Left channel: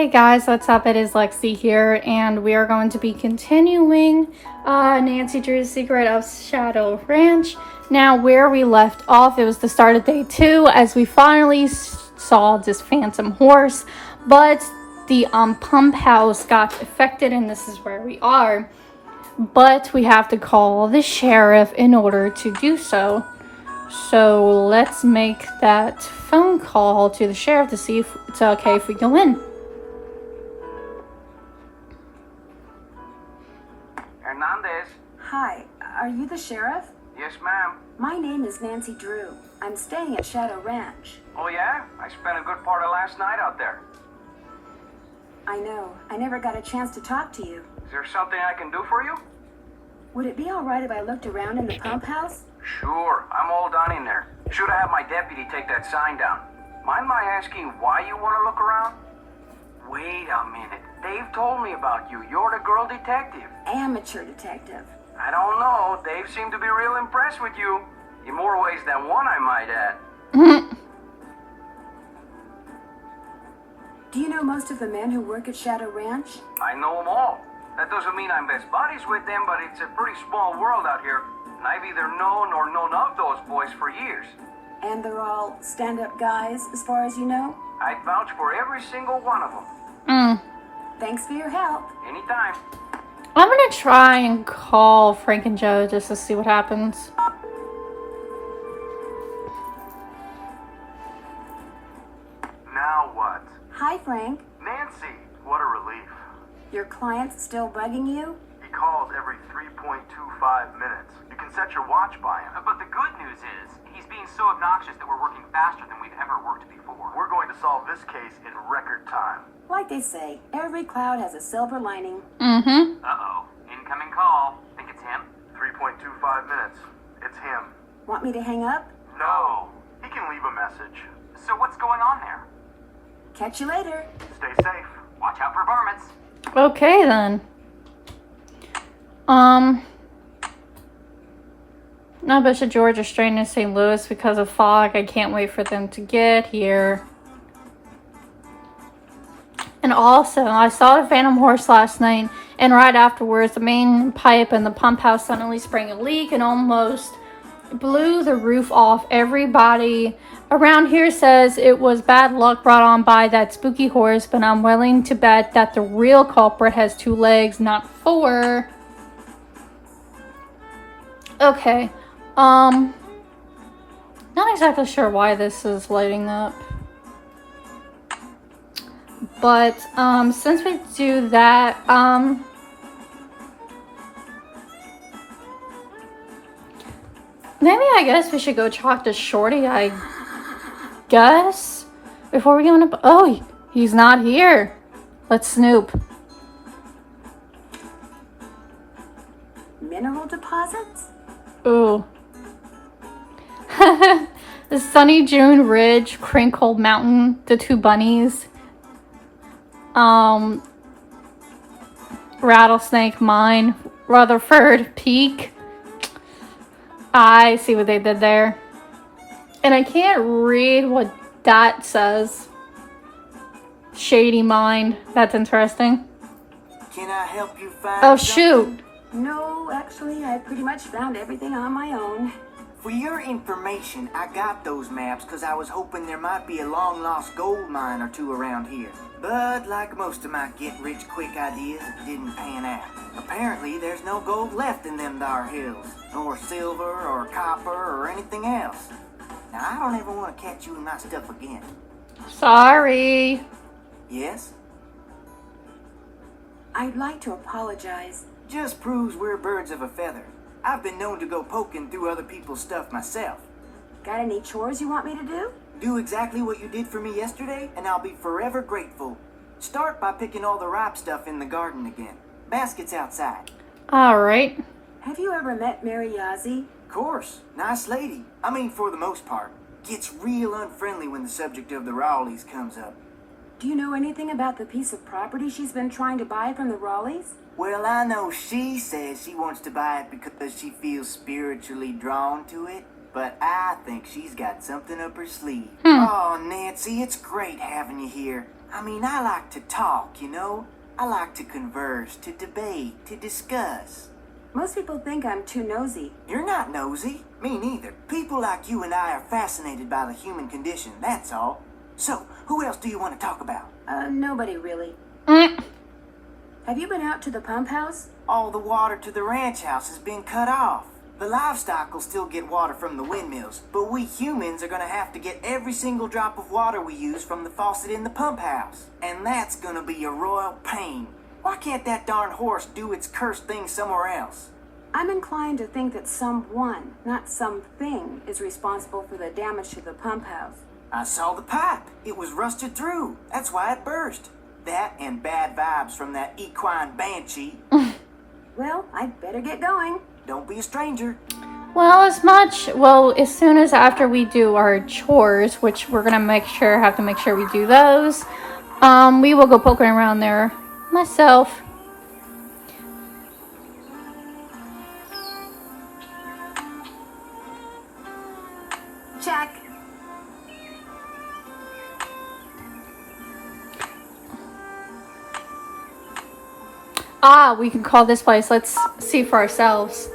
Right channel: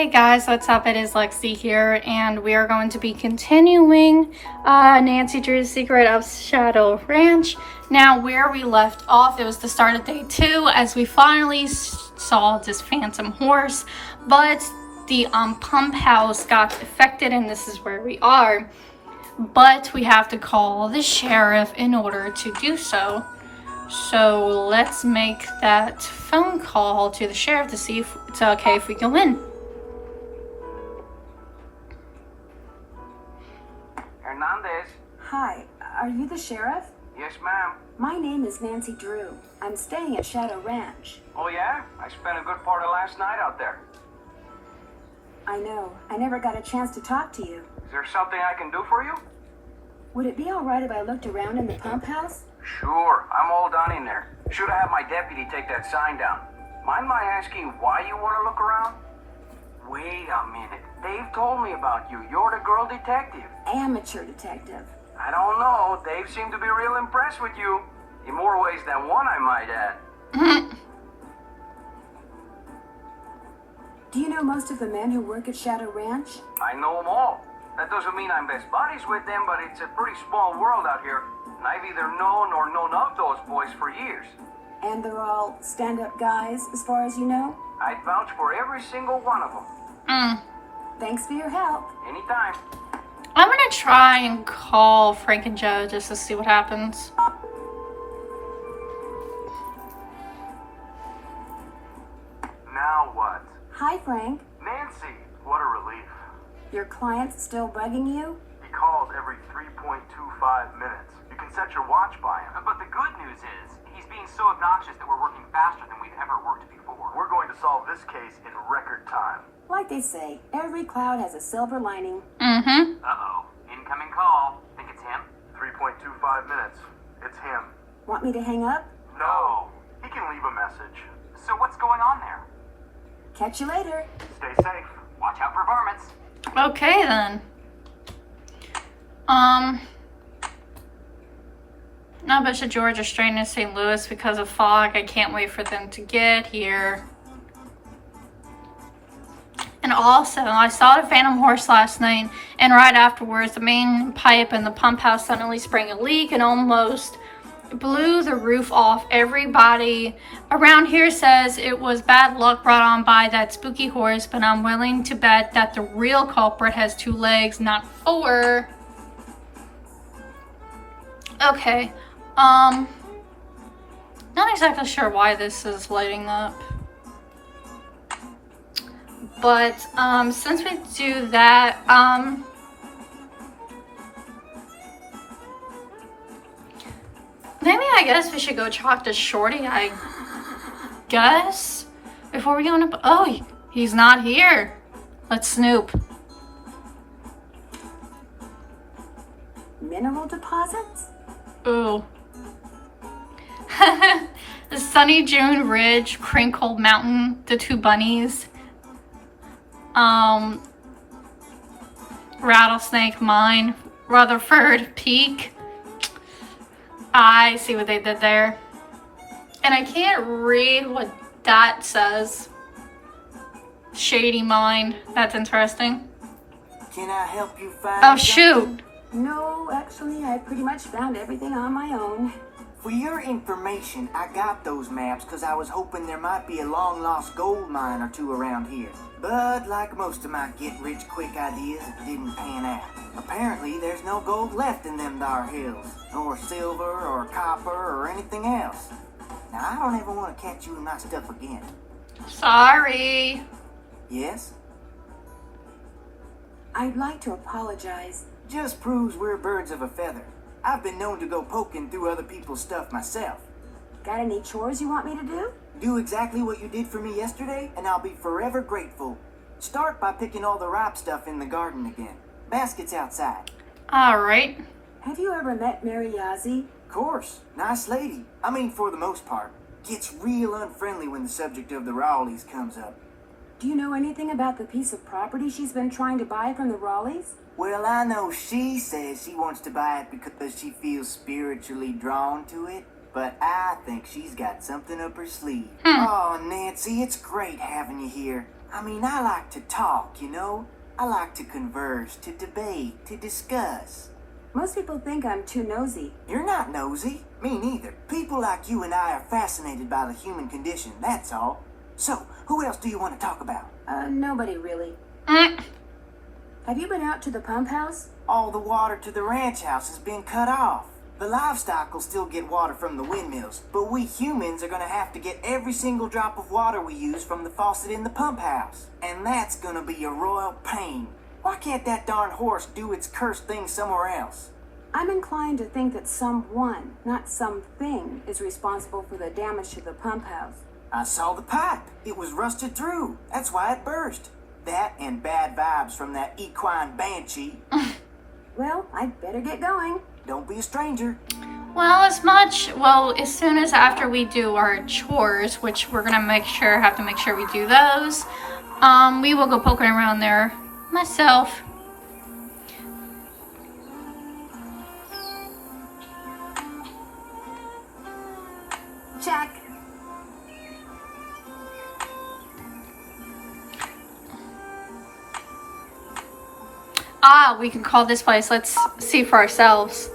Hey guys, what's up? It is Lexi here, and we are going to be continuing Nancy Drew's Secret of Shadow Ranch. Now, where we left off, it was the start of day 2, as we finally saw this phantom horse, but the pump house got affected, and this is where we are. But we have to call the sheriff in order to do so. So let's make that phone call to the sheriff to see if it's okay if we go in. Hernandez. Hi, are you the sheriff? Yes, ma'am. My name is Nancy Drew. I'm staying at Shadow Ranch. Oh, yeah? I spent a good part of last night out there. I know. I never got a chance to talk to you. Is there something I can do for you? Would it be all right if I looked around in the pump house? Sure. I'm all done in there. Should have had my deputy take that sign down. Mind my asking why you want to look around? Wait a minute. Dave told me about you. You're the girl detective. Amateur detective. I don't know. Dave seemed to be real impressed with you. In more ways than one, I might add. Do you know most of the men who work at Shadow Ranch? I know them all. That doesn't mean I'm best buddies with them, but it's a pretty small world out here. And I've either known or known of those boys for years. And they're all stand-up guys, as far as you know? I'd vouch for every single one of them. Thanks for your help. Anytime. I'm gonna try and call Frank and Joe just to see what happens. Now what? Hi, Frank. Nancy, what a relief. Your client's still bugging you? He calls every 3.25 minutes. You can set your watch by him. But the good news is, he's being so obnoxious that we're working faster than we've ever worked before. We're going to solve this case in record time. Like they say, every cloud has a silver lining. Uh-oh. Incoming call. Think it's him? 3.25 minutes. It's him. Want me to hang up? No. He can leave a message. So what's going on there? Catch you later. Stay safe. Watch out for varmints. Okay then. Now Bishop George is straight in St. Louis because of fog. I can't wait for them to get here. And also, I saw the phantom horse last night, and right afterwards, the main pipe in the pump house suddenly sprang a leak and almost blew the roof off. Everybody around here says it was bad luck brought on by that spooky horse, but I'm willing to bet that the real culprit has 2 legs, not 4. Okay, not exactly sure why this is lighting up. But, since we do that, maybe I guess we should go talk to Shorty, I guess, before we go in. Oh, he's not here. Let's snoop. Mineral deposits? Ooh. The Sunny June Ridge, Crinkle Mountain, the 2 bunnies. Rattlesnake Mine, Rutherford Peak. I see what they did there. And I can't read what that says. Shady Mine. That's interesting. Can I help you find Oh, something? shoot. No, actually, I pretty much found everything on my own. For your information, I got those maps because I was hoping there might be a long-lost gold mine or 2 around here. But like most of my get-rich-quick ideas, it didn't pan out. Apparently, there's no gold left in them thar hills, nor silver or copper or anything else. Now, I don't ever want to catch you in my stuff again. Sorry. Yes? I'd like to apologize. Just proves we're birds of a feather. I've been known to go poking through other people's stuff myself. Got any chores you want me to do? Do exactly what you did for me yesterday, and I'll be forever grateful. Start by picking all the ripe stuff in the garden again. Basket's outside. Alright. Have you ever met Mary Yazzie? Course. Nice lady. I mean, for the most part. Gets real unfriendly when the subject of the Rowleys comes up. Do you know anything about the piece of property she's been trying to buy from the Rowleys? Well, I know she says she wants to buy it because she feels spiritually drawn to it. But I think she's got something up her sleeve. Oh, Nancy, it's great having you here. I mean, I like to talk, you know? I like to converse, to debate, to discuss. Most people think I'm too nosy. You're not nosy. Me neither. People like you and I are fascinated by the human condition, that's all. So, who else do you want to talk about? Nobody really. Have you been out to the pump house? All the water to the ranch house has been cut off. The livestock will still get water from the windmills, but we humans are gonna have to get every single drop of water we use from the faucet in the pump house. And that's gonna be a royal pain. Why can't that darn horse do its cursed thing somewhere else? I'm inclined to think that someone, not something, is responsible for the damage to the pump house. I saw the pipe. It was rusted through. That's why it burst. That and bad vibes from that equine banshee. Well, I'd better get going. Don't be a stranger. Well, as soon as after we do our chores, which we're gonna have to make sure we do those, we will go poking around there myself. Check. Ah, we can call this place. Let's see for ourselves.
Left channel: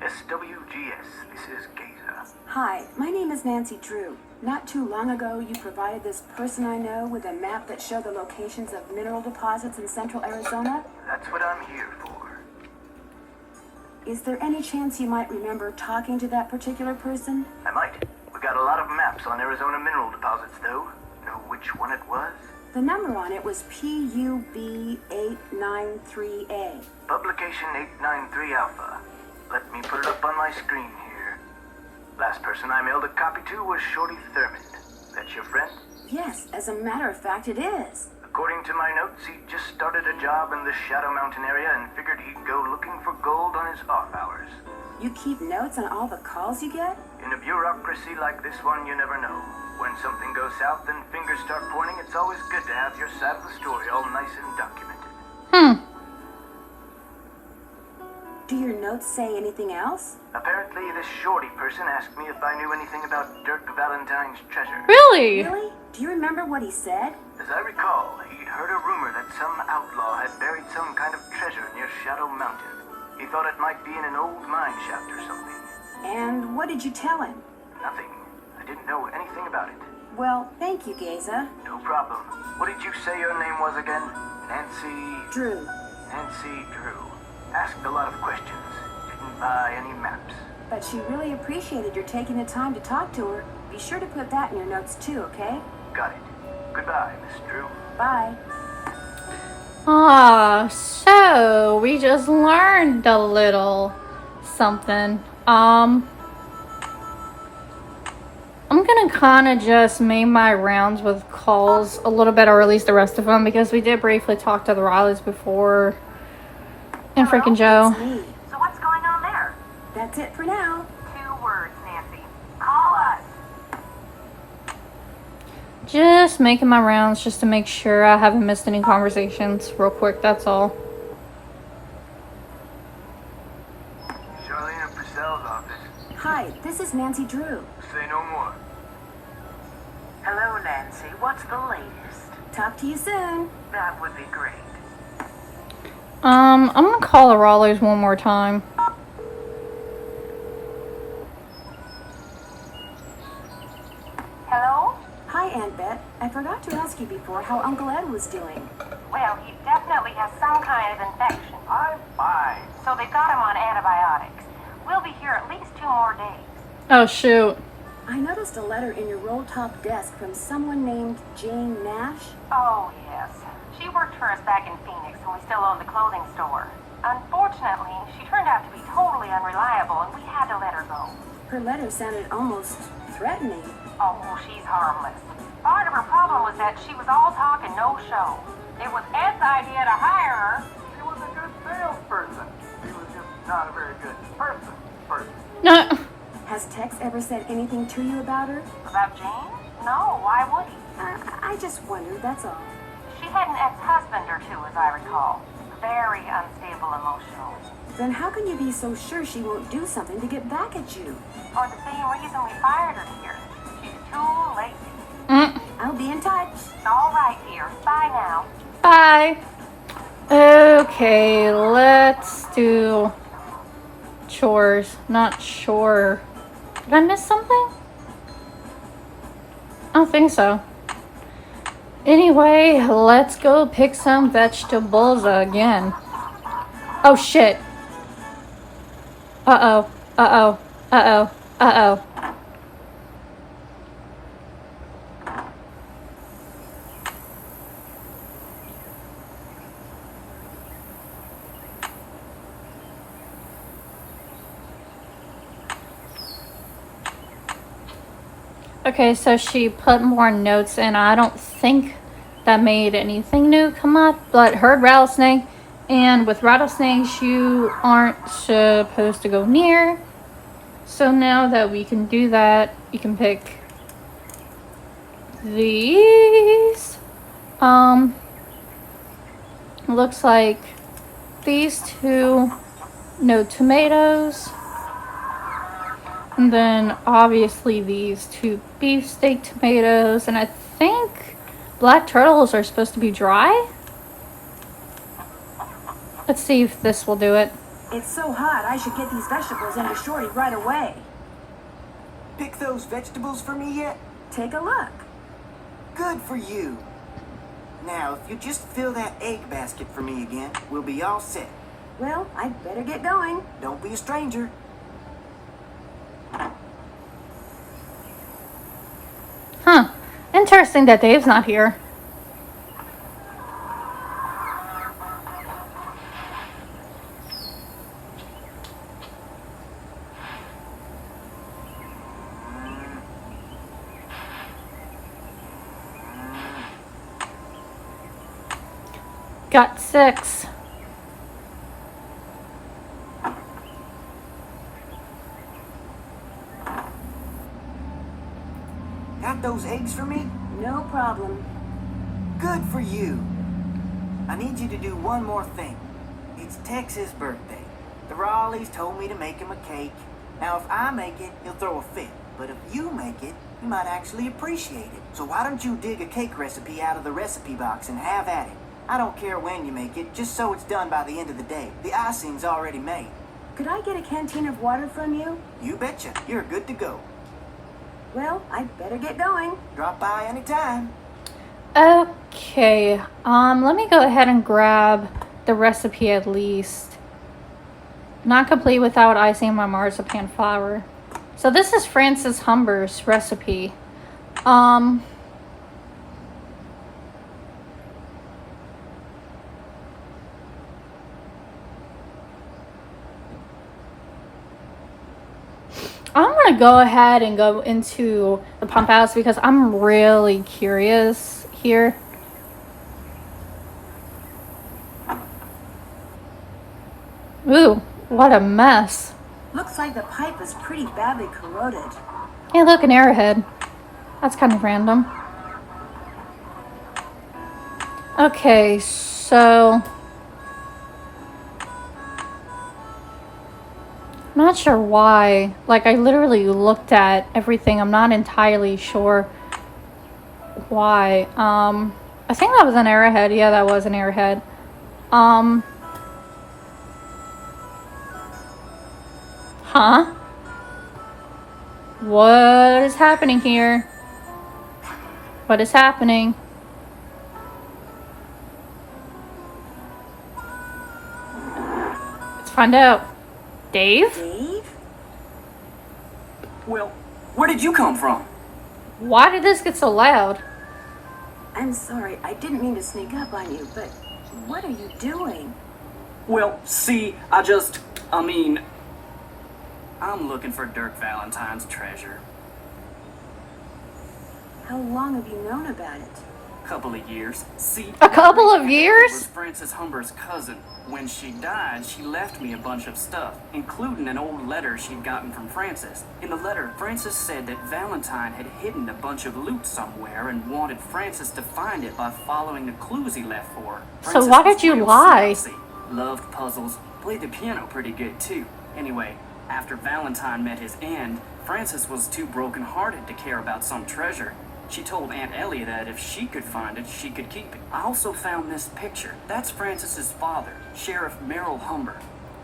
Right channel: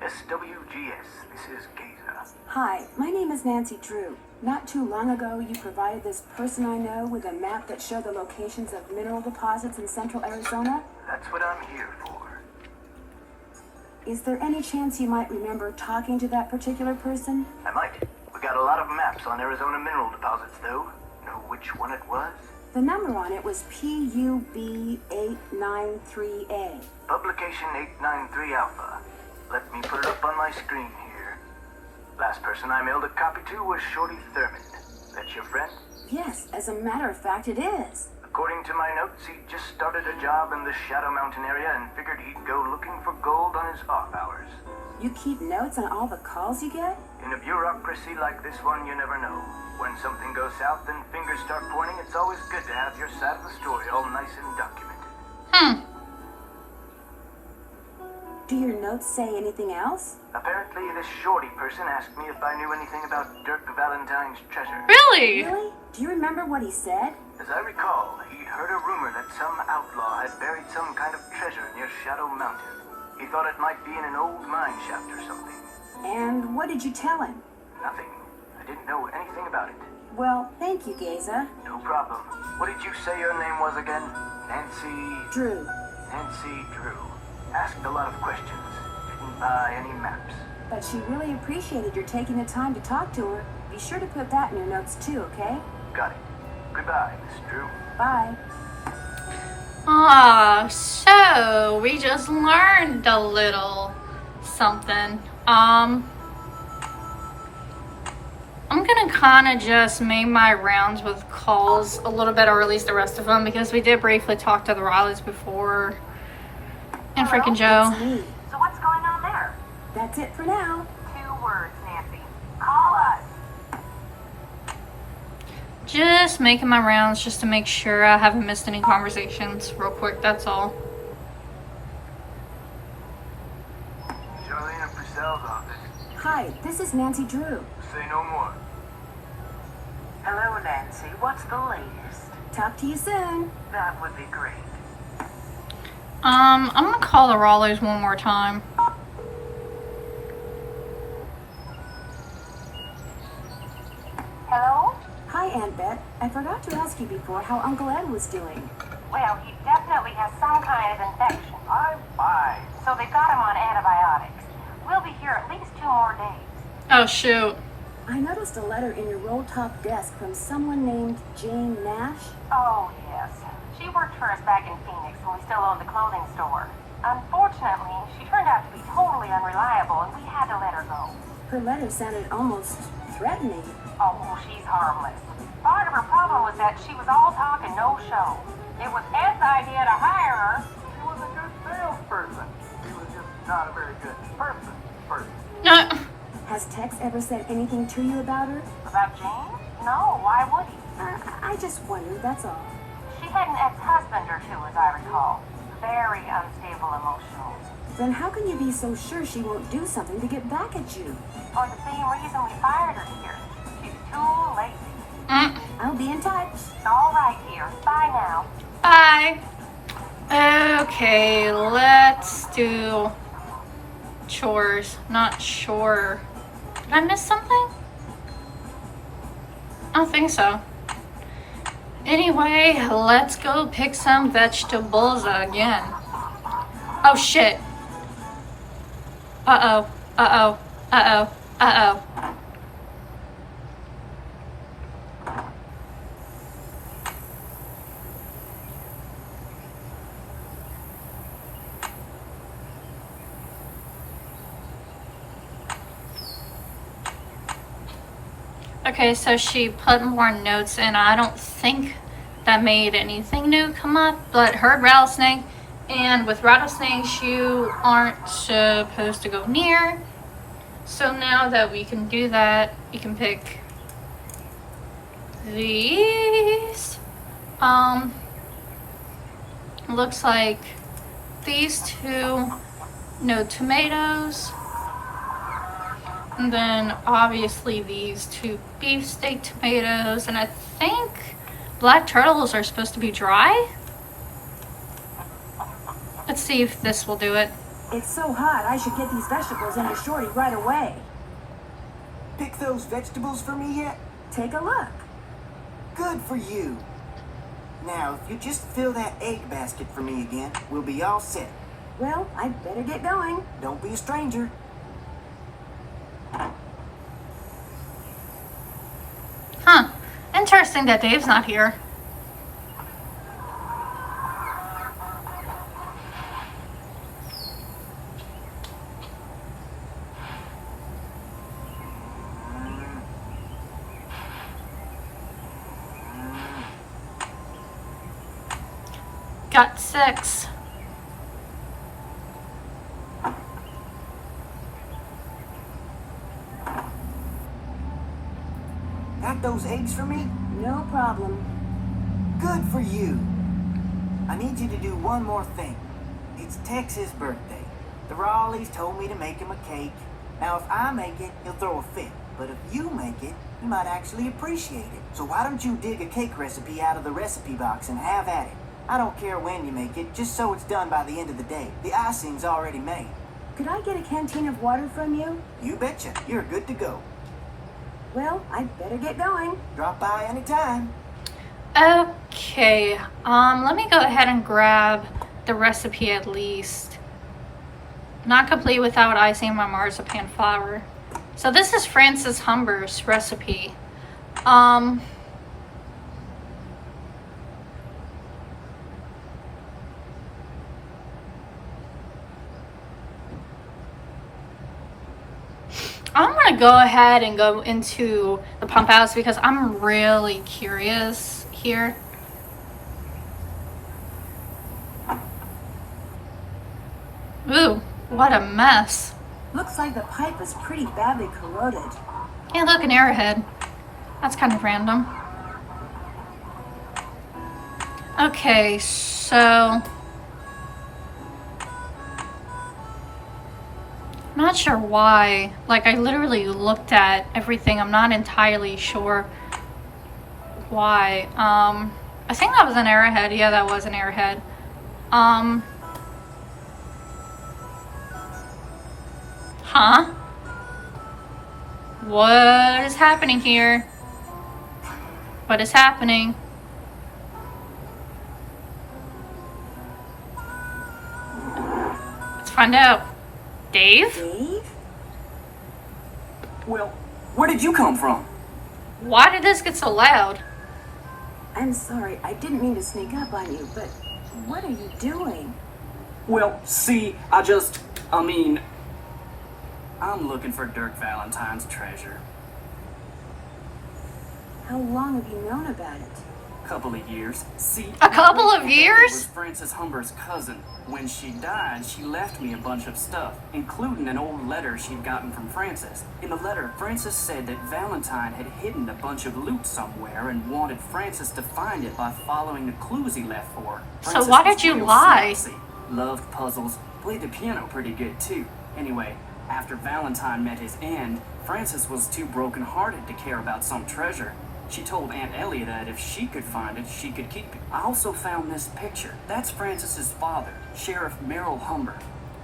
SWGS, this is Geza. Hi, my name is Nancy Drew. Not too long ago, you provided this person I know with a map that showed the locations of mineral deposits in central Arizona. That's what I'm here for. Is there any chance you might remember talking to that particular person? I might. We got a lot of maps on Arizona mineral deposits, though. Know which one it was? The number on it was PUB893A. Publication 893 Alpha. Let me put it up on my screen here. Last person I mailed a copy to was Shorty Thurmond. That's your friend? Yes, as a matter of fact, it is. According to my notes, he just started a job in the Shadow Mountain area and figured he'd go looking for gold on his off hours. You keep notes on all the calls you get? In a bureaucracy like this one, you never know. When something goes south and fingers start pointing, it's always good to have your side of the story all nice and documented. Do your notes say anything else? Apparently, this Shorty person asked me if I knew anything about Dirk Valentine's treasure. Really? Really? Do you remember what he said? As I recall, he'd heard a rumor that some outlaw had buried some kind of treasure near Shadow Mountain. He thought it might be in an old mine shaft or something. And what did you tell him? Nothing. I didn't know anything about it. Well, thank you, Geza. No problem. What did you say your name was again? Nancy... Drew. Nancy Drew. Asked a lot of questions. Didn't buy any maps. But she really appreciated your taking the time to talk to her. Be sure to put that in your notes too, okay? Got it. Goodbye, Miss Drew. Bye. Ah, so we just learned a little something. I'm gonna kind of just make my rounds with calls a little bit, or at least the rest of them, because we did briefly talk to the Rileys before. And Hello? freaking Joe. It's me. So what's going on there? That's it for now. 2 words, Nancy. Call us. Just making my rounds just to make sure I haven't missed any conversations real quick, that's all. Charlene Purcell's office. Hi, this is Nancy Drew. Say no more. Hello, Nancy. What's the latest? Talk to you soon. That would be great. I'm gonna call the Rileys one more time. Hello? Hi, Aunt Bet. I forgot to ask you before how Uncle Ed was doing. Well, he definitely has some kind of infection. I'm fine. So they've got him on antibiotics. We'll be here at least 2 more days. Oh shoot. I noticed a letter in your roll-top desk from someone named Jane Nash. Oh, yes. She worked for us back in Phoenix when we still owned the clothing store. Unfortunately, she turned out to be totally unreliable and we had to let her go. Her letter sounded almost threatening. Oh, she's harmless. Part of her problem was that she was all talk and no show. It was Ed's idea to hire her. She was a good salesperson. She was just not a very good person. No. Has Tex ever said anything to you about her? About Jane? No, why would he? I just wondered, that's all. She had an ex-husband or 2, as I recall. Very unstable emotionally. Then how can you be so sure she won't do something to get back at you? For the same reason we fired her here. She's too lazy. I'll be in touch. All right, dear. Bye now. Bye. Okay, let's do chores. Not sure. Did I miss something? I don't think so. Anyway, let's go pick some vegetables again. Oh shit. Uh-oh. Uh-oh. Uh-oh. Uh-oh. Okay, so she put more notes in. I don't think that made anything new come up, but heard rattlesnake. And with rattlesnakes, you aren't supposed to go near. So now that we can do that, you can pick these. Looks like these two, no tomatoes. And then obviously these two beefsteak tomatoes, and I think black turtles are supposed to be dry. Let's see if this will do it. It's so hot, I should get these vegetables into Shorty right away. Pick those vegetables for me yet? Take a look. Good for you. Now, if you just fill that egg basket for me again, we'll be all set. Well, I'd better get going. Don't be a stranger. Huh. Interesting that Dave's not here. Got 6. Got those eggs for me? No problem. Good for you. I need you to do one more thing. It's Tex's birthday. The Raleighs told me to make him a cake. Now, if I make it, he'll throw a fit. But if you make it, he might actually appreciate it. So why don't you dig a cake recipe out of the recipe box and have at it? I don't care when you make it, just so it's done by the end of the day. The icing's already made. Could I get a canteen of water from you? You betcha. You're good to go. Well, I'd better get going. Drop by anytime. Okay, let me go ahead and grab the recipe at least. Not complete without icing my marzipan flour. So this is Frances Humber's recipe. I'm gonna go ahead and go into the pump house because I'm really curious here. Ooh, what a mess. Looks like the pipe is pretty badly corroded. Yeah, look, an arrowhead. That's kind of random. Okay, so I'm not sure why. Like, I literally looked at everything. I'm not entirely sure why. I think that was an arrowhead. Yeah, that was an arrowhead. Huh? What is happening here? What is happening? Let's find out. Dave? Dave? Well, where did you come from? Why did this get so loud? I'm sorry, I didn't mean to sneak up on you, but what are you doing? Well, see, I'm looking for Dirk Valentine's treasure. How long have you known about it? Couple of years. See, A couple of was years? Frances Humber's cousin. When she died, she left me a bunch of stuff, including an old letter she'd gotten from Frances. In the letter, Frances said that Valentine had hidden a bunch of loot somewhere and wanted Frances to find it by following the clues he left for her. So Frances why was did you real lie? snapsy, loved puzzles, played the piano pretty good too. Anyway, after Valentine met his end, Frances was too broken-hearted to care about some treasure. She told Aunt Ellie that if she could find it, she could keep it. I also found this picture. That's Frances's father, Sheriff Merrill Humber.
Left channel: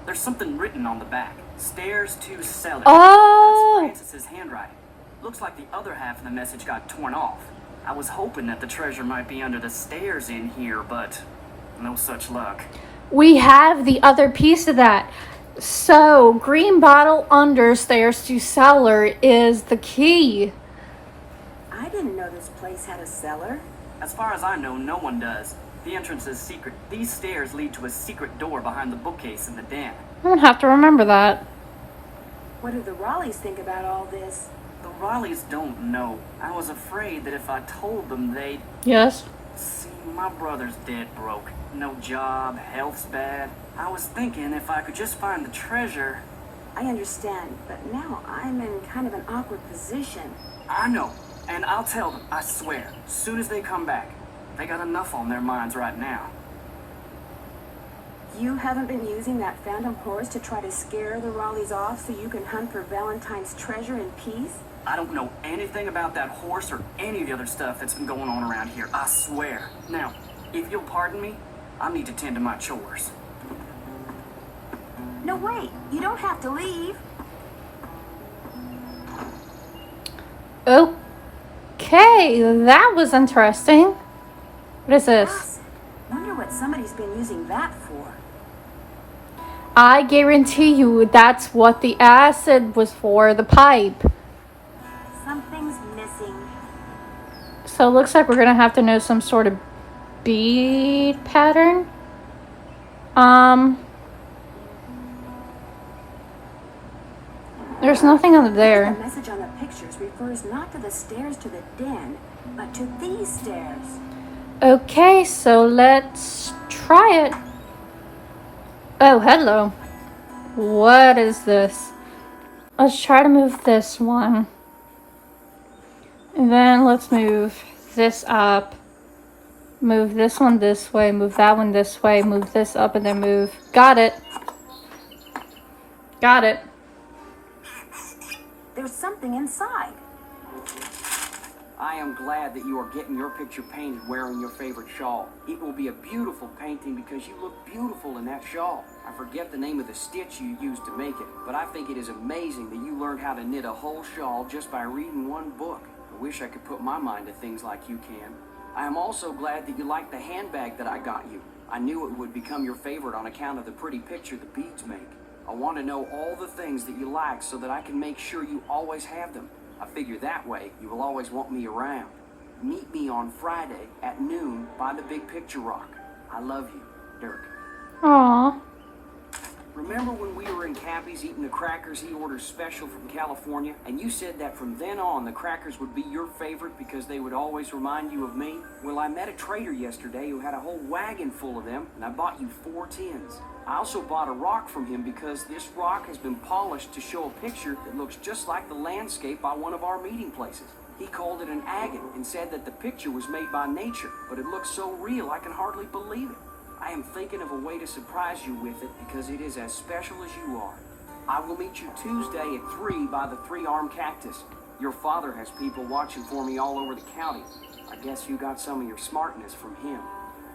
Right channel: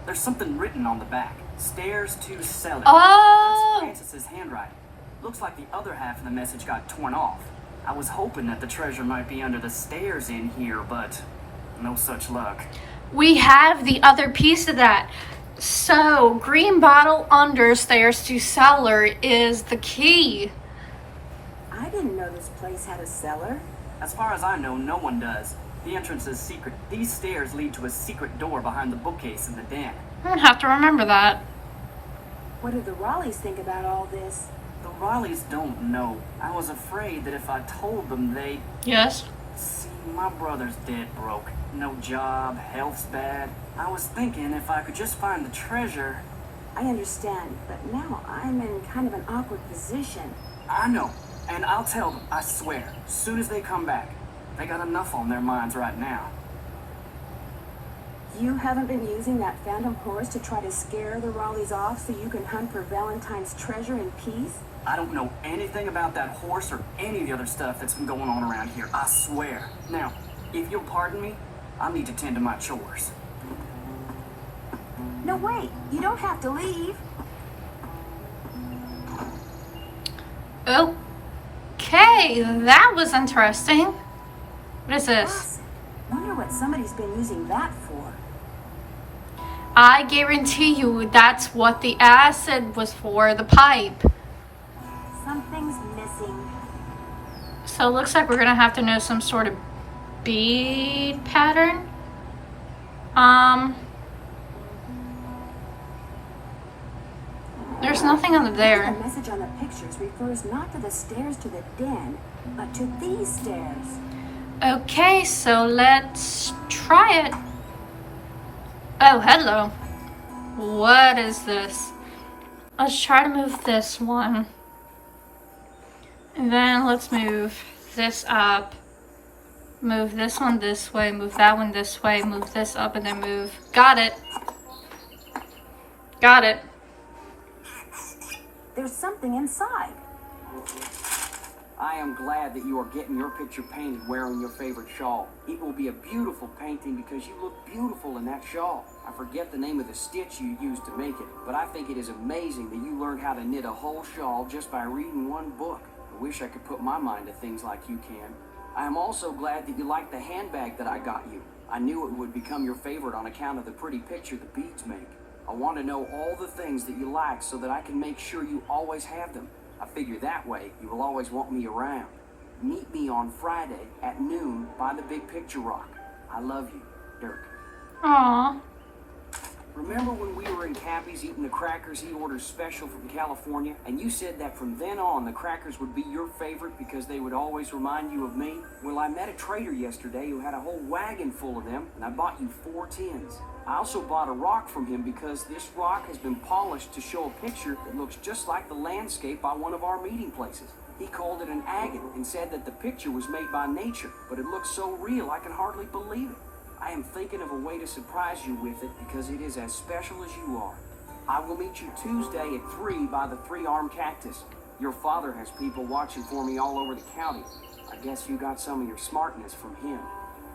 There's something written on the back. Stairs to Cellar. Oh! That's Frances's handwriting. Looks like the other half of the message got torn off. I was hoping that the treasure might be under the stairs in here, but no such luck. We have the other piece of that. So, green bottle under stairs to cellar is the key. I didn't know this place had a cellar. As far as I know, no one does. The entrance is secret. These stairs lead to a secret door behind the bookcase in the den. I'll have to remember that. What do the Raleighs think about all this? The Raleighs don't know. I was afraid that if I told them, they'd... Yes? See, my brother's dead broke. No job, health's bad. I was thinking if I could just find the treasure... I understand, but now I'm in kind of an awkward position. I know, and I'll tell them, I swear, as soon as they come back. They got enough on their minds right now. You haven't been using that phantom horse to try to scare the Raleighs off so you can hunt for Valentine's treasure in peace? I don't know anything about that horse or any of the other stuff that's been going on around here, I swear. Now, if you'll pardon me, I need to tend to my chores. No, wait, you don't have to leave. Okay, that was interesting. What is this? Acid. Wonder what somebody's been using that for. I guarantee you that's what the acid was for, the pipe. Something's missing. So it looks like we're gonna have to know some sort of bead pattern. There's nothing under The there. message on the pictures refers not to the stairs to the den, but to these stairs. Okay, so let's try it. Oh, hello. What is this? Let's try to move this one. And then let's move this up. Move this one this way, move that one this way, move this up and then move. Got it. Got it. There's something inside. I am glad that you are getting your picture painted wearing your favorite shawl. It will be a beautiful painting because you look beautiful in that shawl. I forget the name of the stitch you used to make it, but I think it is amazing that you learned how to knit a whole shawl just by reading one book. I wish I could put my mind to things like you can. I am also glad that you like the handbag that I got you. I knew it would become your favorite on account of the pretty picture the beads make. I want to know all the things that you like so that I can make sure you always have them. I figure that way you will always want me around. Meet me on Friday at noon by the Big Picture Rock. I love you, Dirk. Aww. Remember when we were in Cappy's eating the crackers he orders special from California, and you said that from then on the crackers would be your favorite because they would always remind you of me? Well, I met a trader yesterday who had a whole wagon full of them, and I bought you 4 tins. I also bought a rock from him because this rock has been polished to show a picture that looks just like the landscape by one of our meeting places. He called it an agate and said that the picture was made by nature, but it looks so real I can hardly believe it. I am thinking of a way to surprise you with it because it is as special as you are. I will meet you Tuesday at 3 by the 3-armed cactus. Your father has people watching for me all over the county. I guess you got some of your smartness from him.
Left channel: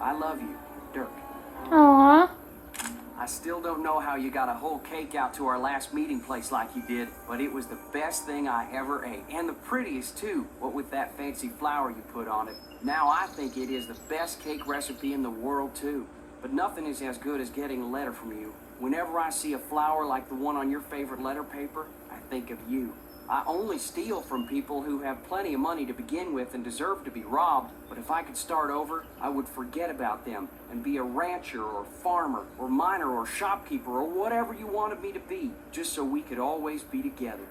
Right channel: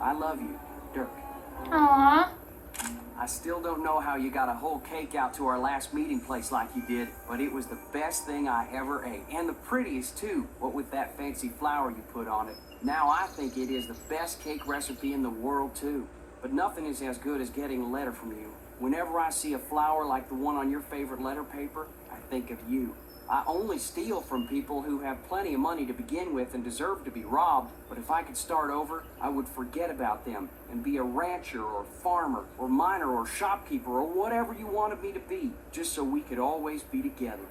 I love you, Dirk. Aww. I still don't know how you got a whole cake out to our last meeting place like you did, but it was the best thing I ever ate. And the prettiest too, what with that fancy flower you put on it. Now I think it is the best cake recipe in the world too. But nothing is as good as getting a letter from you. Whenever I see a flower like the one on your favorite letter paper, I think of you. I only steal from people who have plenty of money to begin with and deserve to be robbed, but if I could start over, I would forget about them and be a rancher or farmer or miner or shopkeeper or whatever you wanted me to be, just so we could always be together.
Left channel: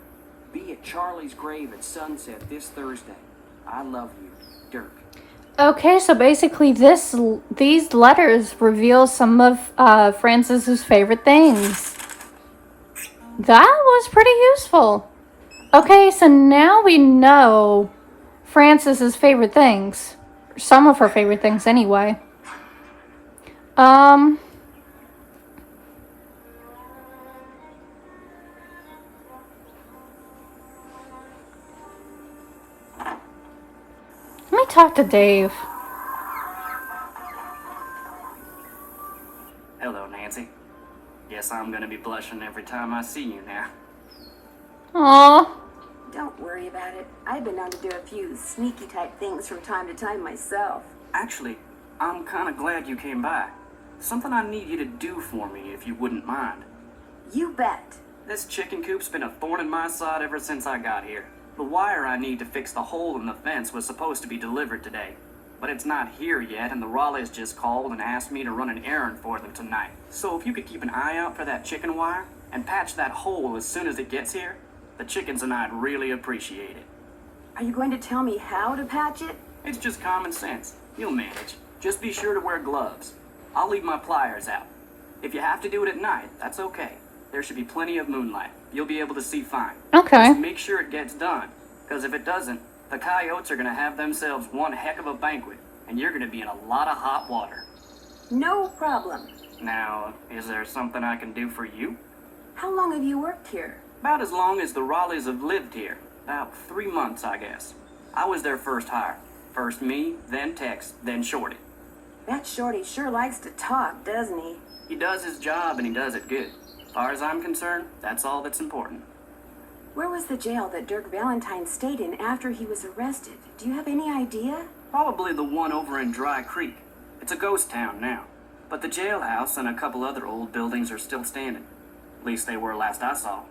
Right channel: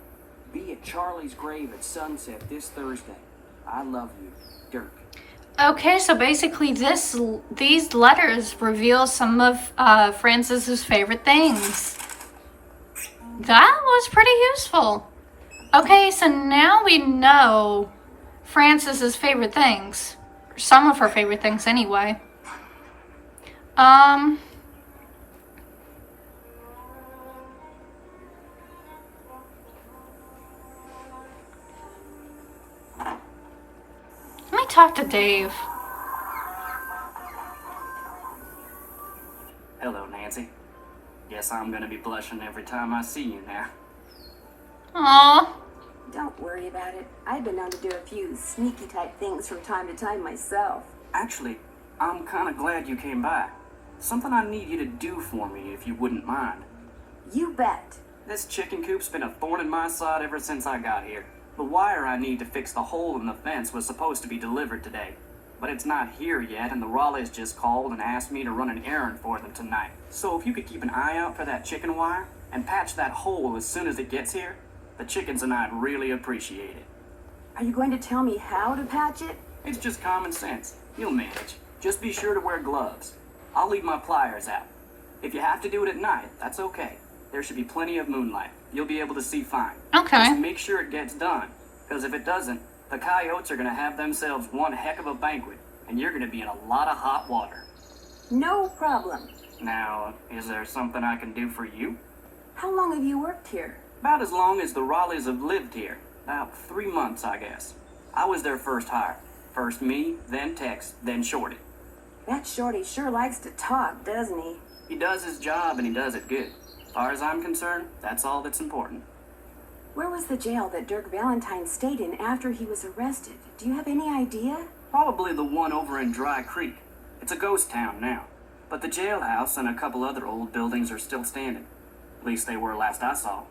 Be at Charlie's grave at sunset this Thursday. I love you, Dirk. Okay, so basically these letters reveal some of Frances's favorite things. That was pretty useful. Okay, so now we know Frances's favorite things. Some of her favorite things anyway. me talk to Dave. Hello, Nancy. Guess I'm gonna be blushing every time I see you now. Aw. Don't worry about it. I've been known to do a few sneaky type things from time to time myself. Actually, I'm kinda glad you came by. Something I need you to do for me, if you wouldn't mind. You bet. This chicken coop's been a thorn in my side ever since I got here. The wire I need to fix the hole in the fence was supposed to be delivered today, but it's not here yet, and the Raleighs just called and asked me to run an errand for them tonight. So if you could keep an eye out for that chicken wire and patch that hole as soon as it gets here, the chickens and I'd really appreciate it. Are you going to tell me how to patch it? It's just common sense. You'll manage. Just be sure to wear gloves. I'll leave my pliers out. If you have to do it at night, that's okay. There should be plenty of moonlight. You'll be able to see fine. Okay. Just make sure it gets done, because if it doesn't, the coyotes are going to have themselves one heck of a banquet, and you're going to be in a lot of hot water. No problem. Now, is there something I can do for you? How long have you worked here? About as long as the Raleighs have lived here. About 3 months, I guess. I was their first hire. First me, then Tex, then Shorty. That Shorty sure likes to talk, doesn't he? He does his job, and he does it good. As far as I'm concerned, that's all that's important. Where was the jail that Dirk Valentine stayed in after he was arrested? Do you have any idea? Probably the one over in Dry Creek. It's a ghost town now. But the jailhouse and a couple other old buildings are still standing. At least they were last I saw.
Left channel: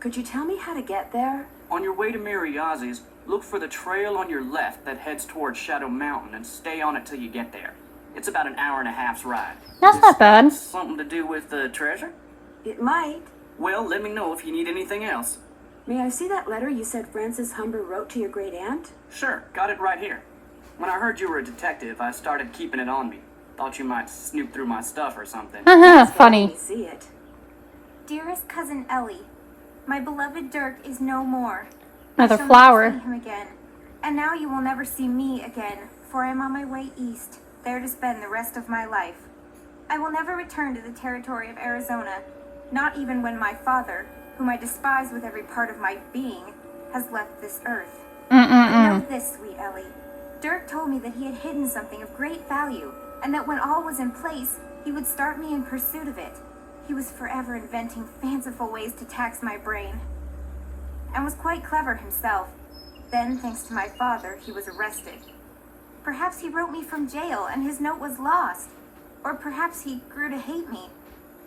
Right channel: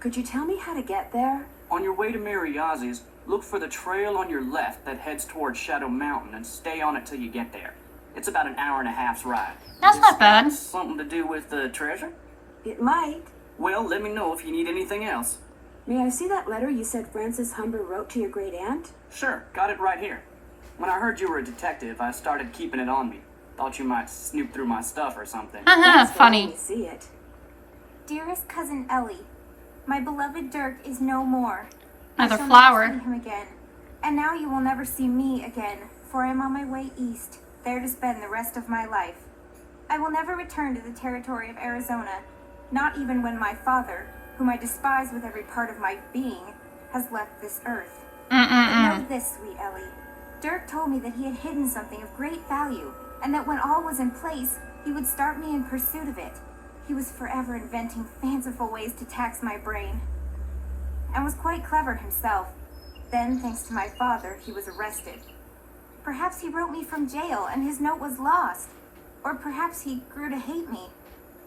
Could you tell me how to get there? On your way to Mariazzi's, look for the trail on your left that heads towards Shadow Mountain and stay on it till you get there. It's about an hour and a half's ride. That's not bad. Something to do with the treasure? It might. Well, let me know if you need anything else. May I see that letter you said Frances Humber wrote to your great aunt? Sure, got it right here. When I heard you were a detective, I started keeping it on me. Thought you might snoop through my stuff or something. Haha, Let funny. me see it. Dearest cousin Ellie, my beloved Dirk is no more. Another I shall flower. never see him again. And now you will never see me again, for I am on my way east, there to spend the rest of my life. I will never return to the territory of Arizona, not even when my father, whom I despise with every part of my being, has left this earth. But know this, sweet Ellie. Dirk told me that he had hidden something of great value, and that when all was in place, he would start me in pursuit of it. He was forever inventing fanciful ways to tax my brain, and was quite clever himself. Then, thanks to my father, he was arrested. Perhaps he wrote me from jail and his note was lost. Or perhaps he grew to hate me.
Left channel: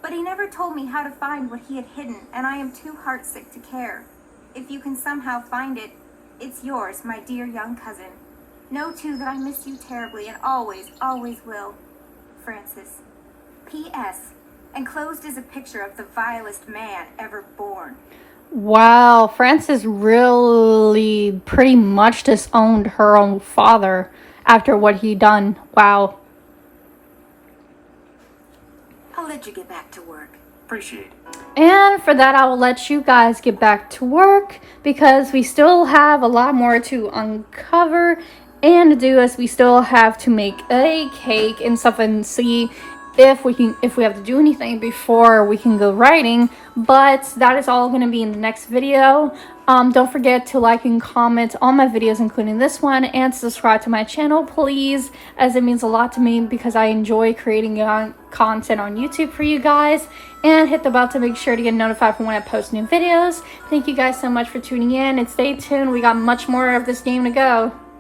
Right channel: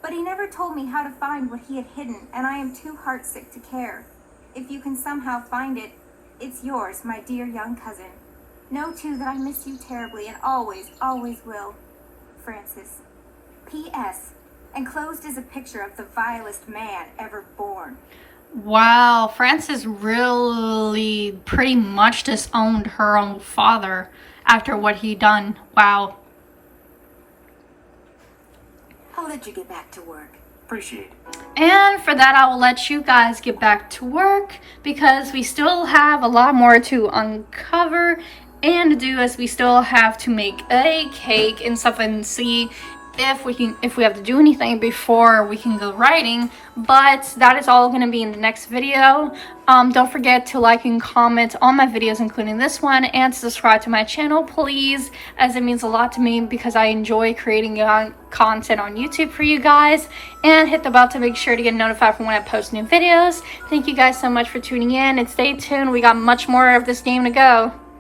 But he never told me how to find what he had hidden, and I am too heartsick to care. If you can somehow find it, it's yours, my dear young cousin. Know, too, that I miss you terribly and always, always will. Francis. P.S. Enclosed is a picture of the vilest man ever born. Wow, Frances really pretty much disowned her own father after what he done. Wow. I'll let you get back to work. Appreciate it. And for that, I will let you guys get back to work because we still have a lot more to uncover and do, as we still have to make a cake and stuff and see if we have to do anything before we can go writing. But that is all going to be in the next video. Don't forget to like and comment on my videos, including this one, and subscribe to my channel, please, as it means a lot to me because I enjoy creating content on YouTube for you guys. And hit the bell to make sure to get notified for when I post new videos. Thank you guys so much for tuning in, and stay tuned. We got much more of this game to go.